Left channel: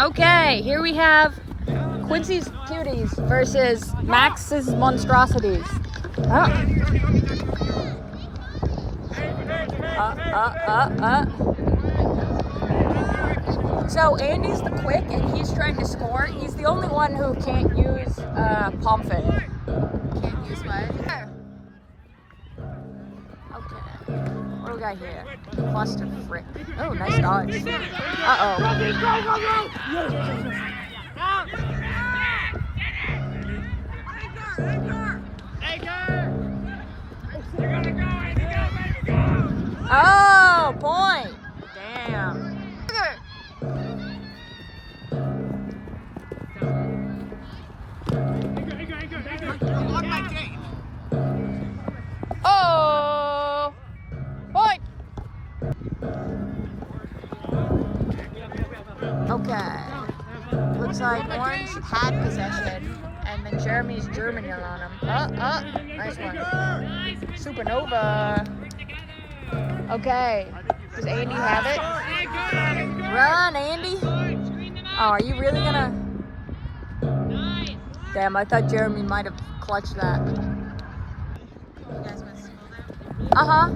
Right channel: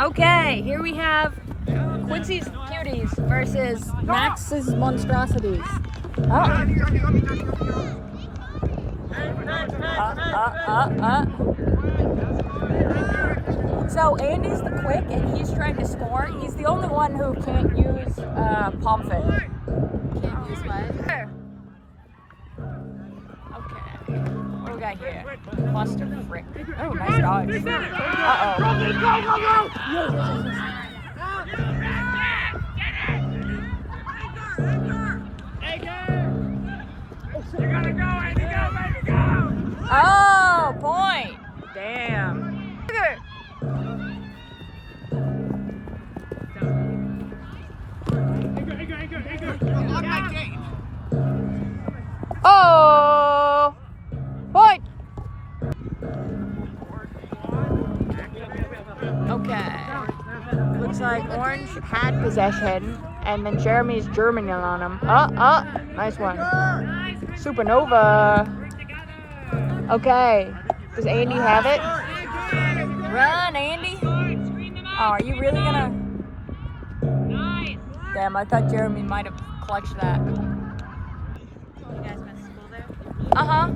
Okay, here we have Quincy's Cuties versus Max's Monstrosities. So Andy's the quick and he's trying to score. He's the only one who can't use palm fit. Okay. What do we got here? Cluster frick. Oh, nice dodge. You gotta go, Andy, go, baby, go! Oh, point. Damn. You're on my game. Oh, point. Okay. Looks like Orange had possession, and then Jeremy's Germaning on him. Nice one. Supernova. Okay. Does Andy have it? Run, Andy. Oh, are you really gonna? Damn, I thought Jeremy might have clutched that. You guys went to school there? Uh-huh.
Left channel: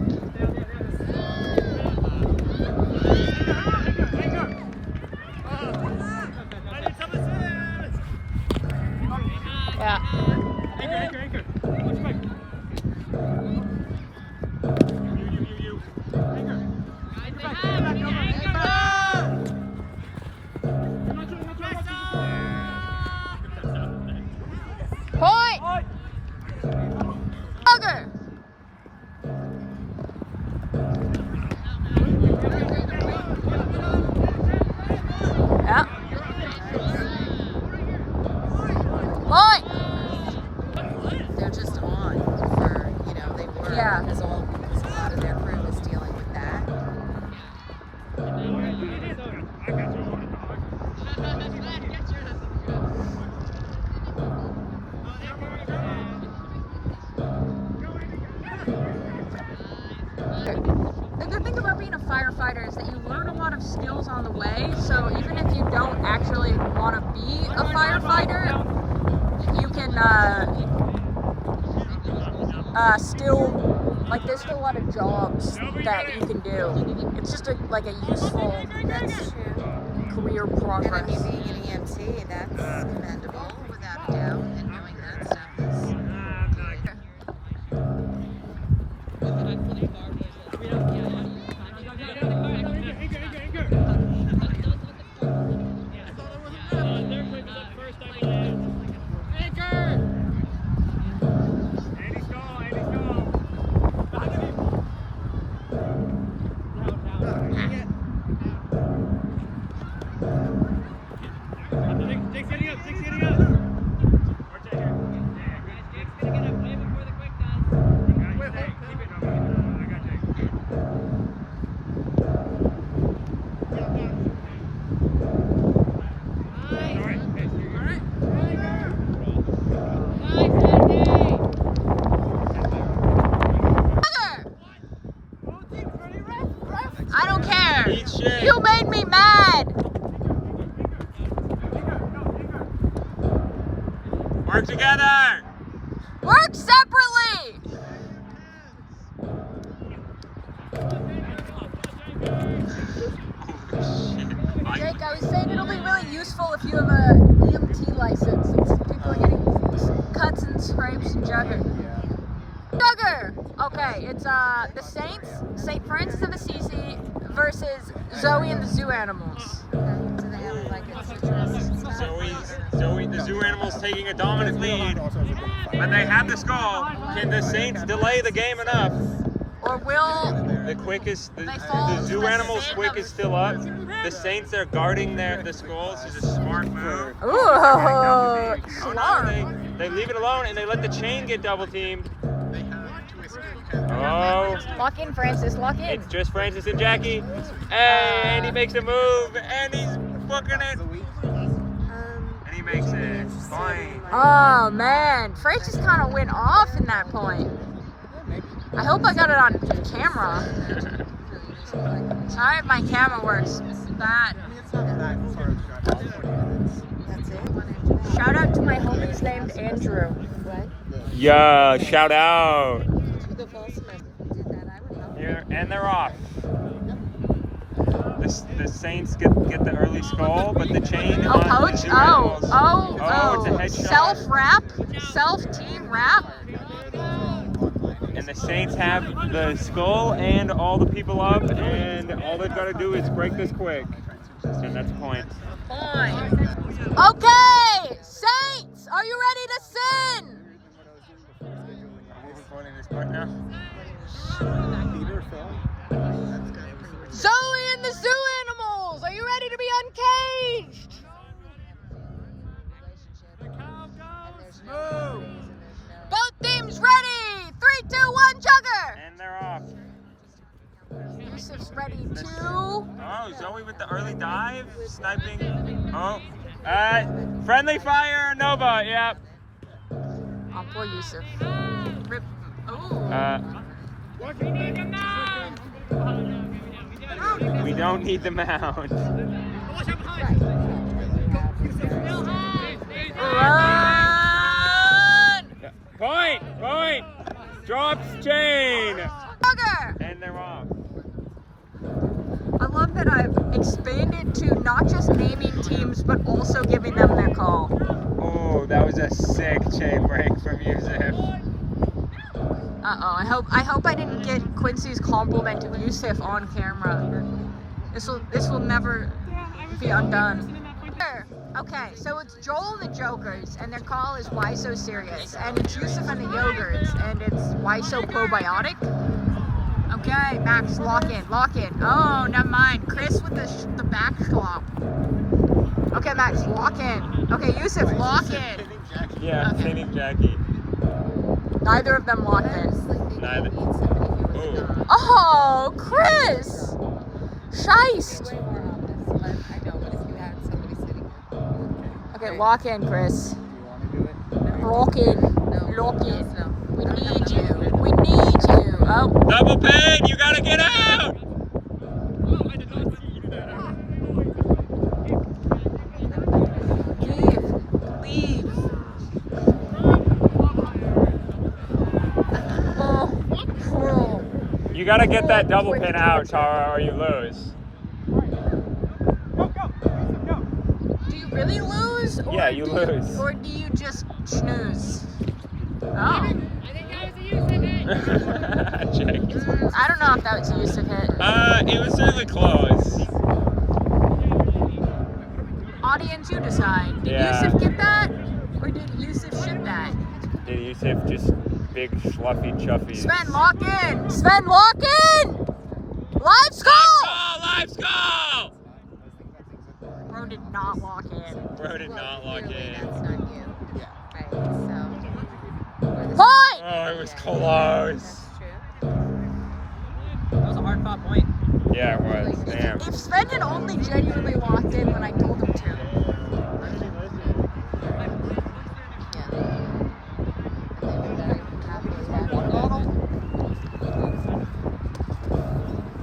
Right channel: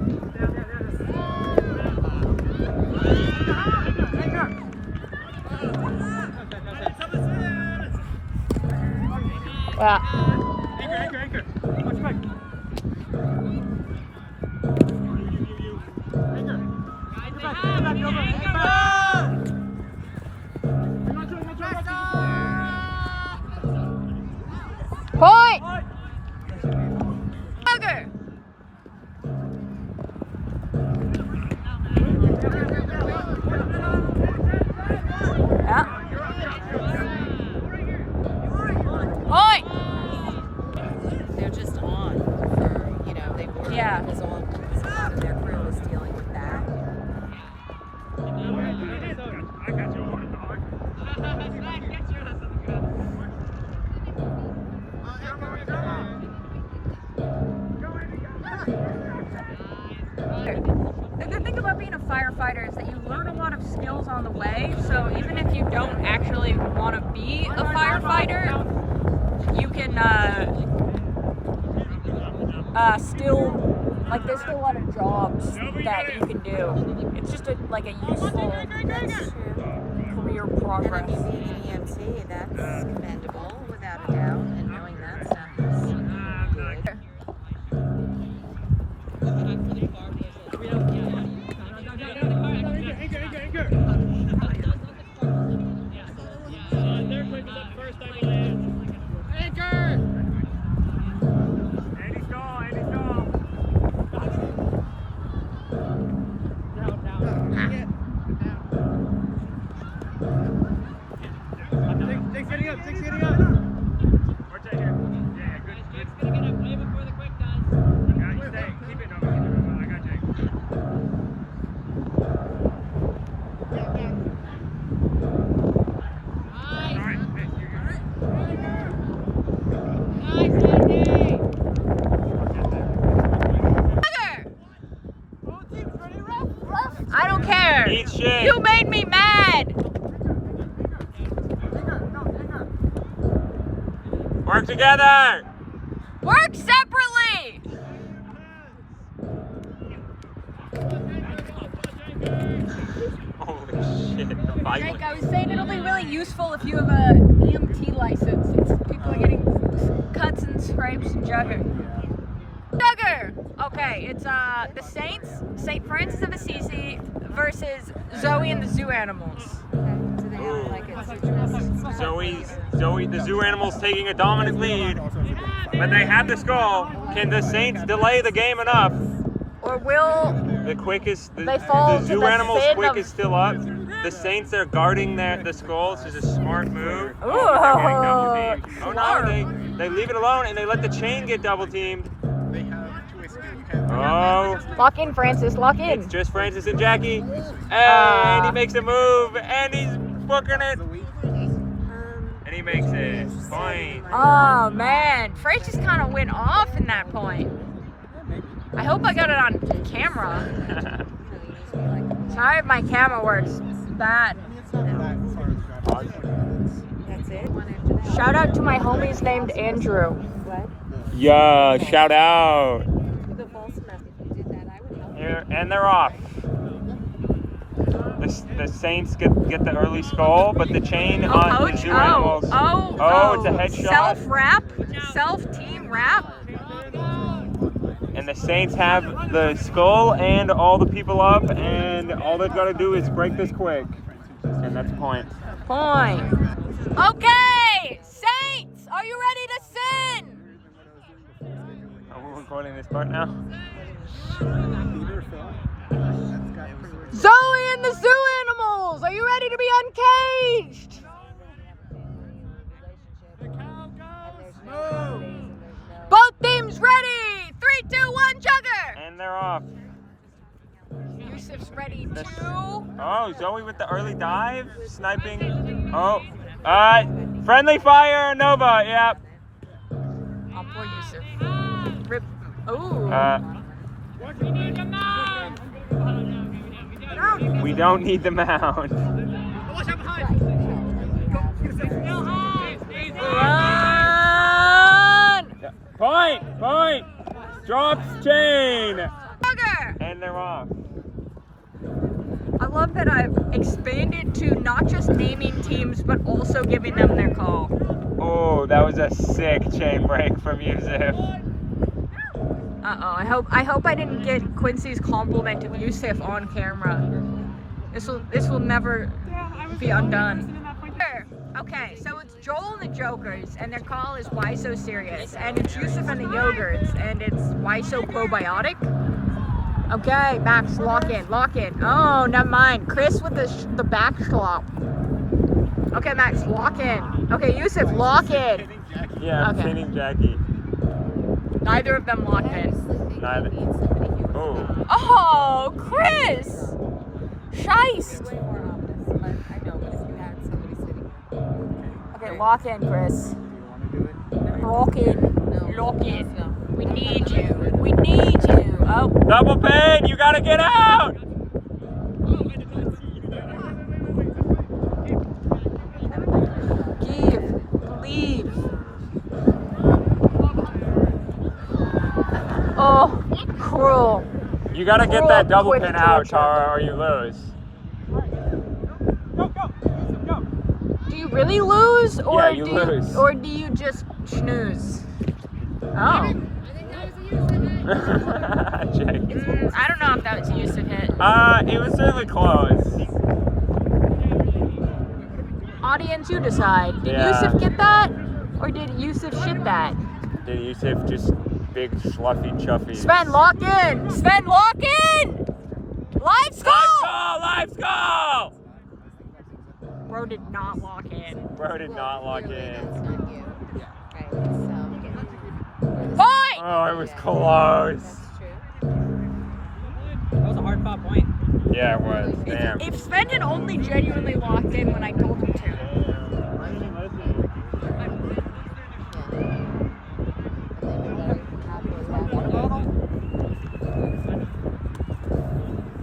Yeah. Anchor. Watch back. You. Anchor. Point! Bugger! Yeah. Point! They're just on for, they were. Yeah. Because their crew was dealing with that. I got you. The thing about being a firefighter is that you learn a lot of skills on the way, so even if you don't actually want to be a firefighter, you can still, there's still a lot of jobs that you can do. It's just a useful career And I progress. mean, being an EMT, that's commendable, without a doubt, and knowing that stuff is good. Anchor. Their quick is up first, I believe. Anchor! Andy stall. Down. Dick's hitting up. Arch here. Yeah, good. It's gonna get up way before the quick does. Yeah, you stay. Keep it over. I got Jake. I don't care. Eat shit. You made me mad. Work together! Work separately. Holy shit. Jake, I was saying it'll be really useful if you have a EMT license, since people are getting cuts and scrapes and jugger. Okay, it's the Saints, St. Francis of Assisi versus Zoe and the Zoo Animals. Zoe, the zoo animal's taking a dominant lead, but they have the skull. Can the Saints delay the game enough? Or will The quickest, They fall the to zoo the animal's sin quick of- is still up. The Saints are guarding the skull. This is a smart move. Ooh, They're getting double teamed. Oh no, smart. they leave it alone and they let the chain get double teamed. Oh, Lock in, Francis, lock in. it's just Francis and Jackie. And he makes a move and he's booking it. And he makes it. Point. Oh man, Francis kind of went off in that point. I hope I got it on camera. Sorry if my camera works bad. Shout out to my homies named Andrew. Yeah, shout out. The fall semester did that. I would help. Here, and they're off. The Saints get the early skull, but the chain Oh, on the coach. two Oh, animals. oh, Oh, it's a headshot. Self wrap. Self team wrap. And the Saints have the skull and all the people up, and all they've got to do is break this quick. And that's a point. Point. Okay, Saints, are you ready to sin? Are we recording this part now? Zoe and the zoo animals, are you ready to be uncaged? The cow goes. Move. Both teams ready. 3, 2, 1, jugger. And they're off. Yusuf's ready too. Oh, Zoe with the early dive, sniping. Oh, friendly fire, Nova. Yep. Oh, poor Yusuf. Rip. Ooh. We don't need the mound. Run. Point. Drops chain. Jugger. And they're off. I love that I've expanded to not just naming teams, but also giving them their call. Oh, that was a sick chain break from Yusuf. Uh-oh, I hope I didn't get Quincy's compliment of Yusuf on camera. This will never be undone. Okay, so it's Joel and the Jokers, and their call is Why So Serious, and it's Yusuf and the Yogurts, and it's Why So Probiotic. Okay, Max, lock in. Oh, never mind. Chris with the back slop. Okay, Max, lock in. Okay, Yusuf, lock in. Yeah, Okay. pinning Jackie. Neither of them locked in. Neither. Oh. Oh, Chris! Scheist! Okay, lock in, Chris. Lock in. We need you. Oh. Double pin, you gotta get out! Leave. Oh, cruel. You gotta get that double pin out, Tara, or you lose. Do you really lose? Or Yeah, you lose. Or do you just snooze? Oh. I don't know if that was a Yusuf hit. It was certainly close. Audience, you decide. Did Yeah. Yusuf get that? Or did Yusuf shit that? Did Yusuf just big fluffy chuffies? Sven, lock in! Sven, lock in! Let's go! Live goal! Bro did not lock in. Bro did not lock in. Point! Oh, it was close. That was a hard fought point. Yeah, it was. Damn. If Sven had only genuinely locked in when I told him to.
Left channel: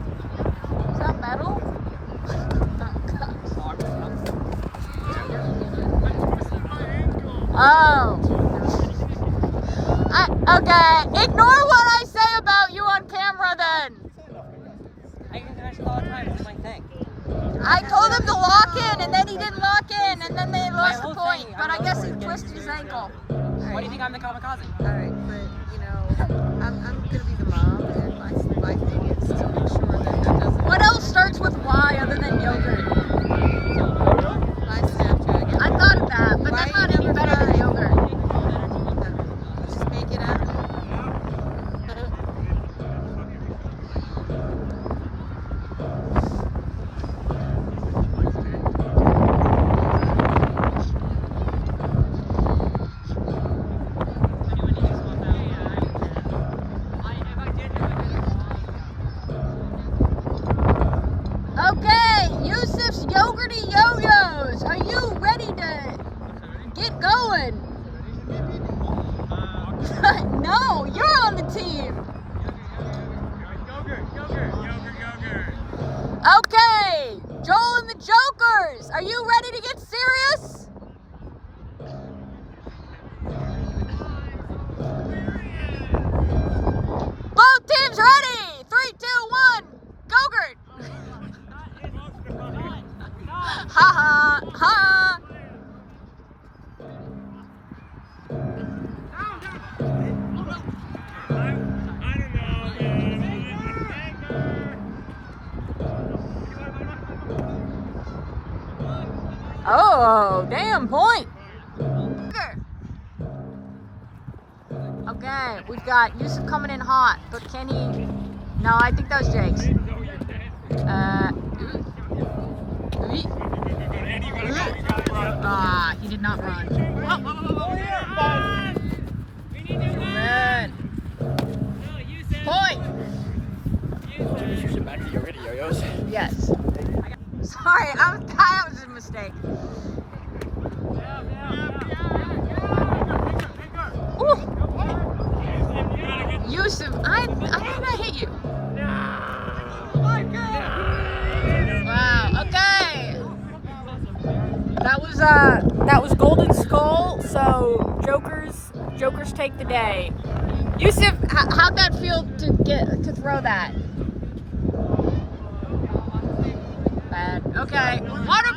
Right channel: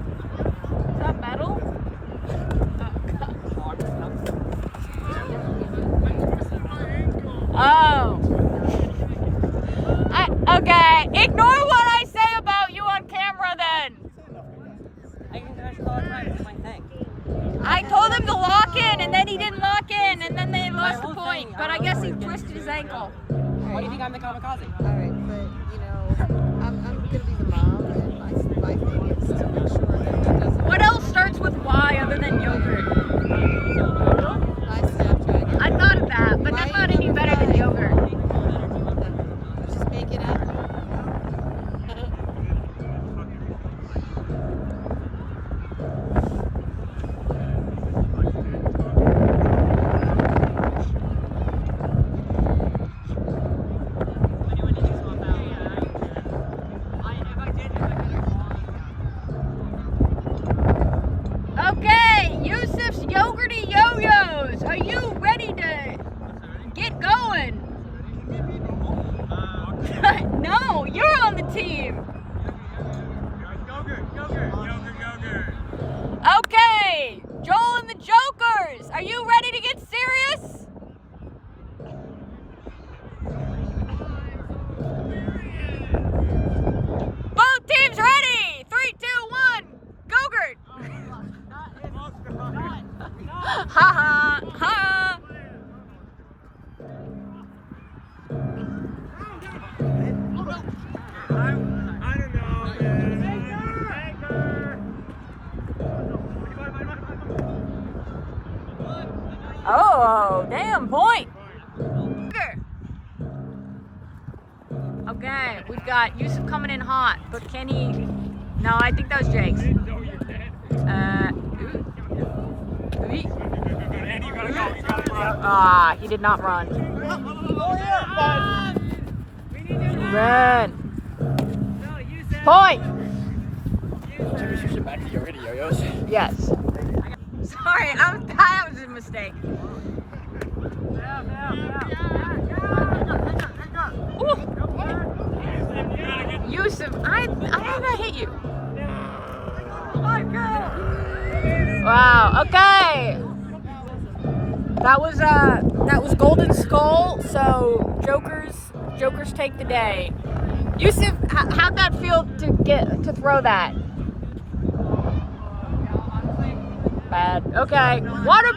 Is that metal? Oh. Okay, ignore what I say about you on camera then. I told him to lock in and then he didn't lock in and then they lost the point. But I guess he twisted his ankle. What do you think I'm the kamikaze? Alright, but I'm gonna be the mom, and my thing is to make sure that he doesn't. What else starts with Y other than yogurt? My Snapchat. I thought of that, but that's not any better than yogurt. Just make it up. Oh, damn point. Okay, we've got Yusuf coming in hot, but can he? No, I think that was Jake's. No, you can't. Ooh. Andy, you gotta go. You gotta run. Ah, he did not run. Oh, here, bud. Run. Point. Maybe you should back to your video, Yos. Yes. Sorry, that was a mistake. Ooh. Yusuf, I did not hit you. Wow. Okay. That was Golden Skull. So Jokers take the day. Yusuf, how'd that feel to throw that? Bad. Okay. Water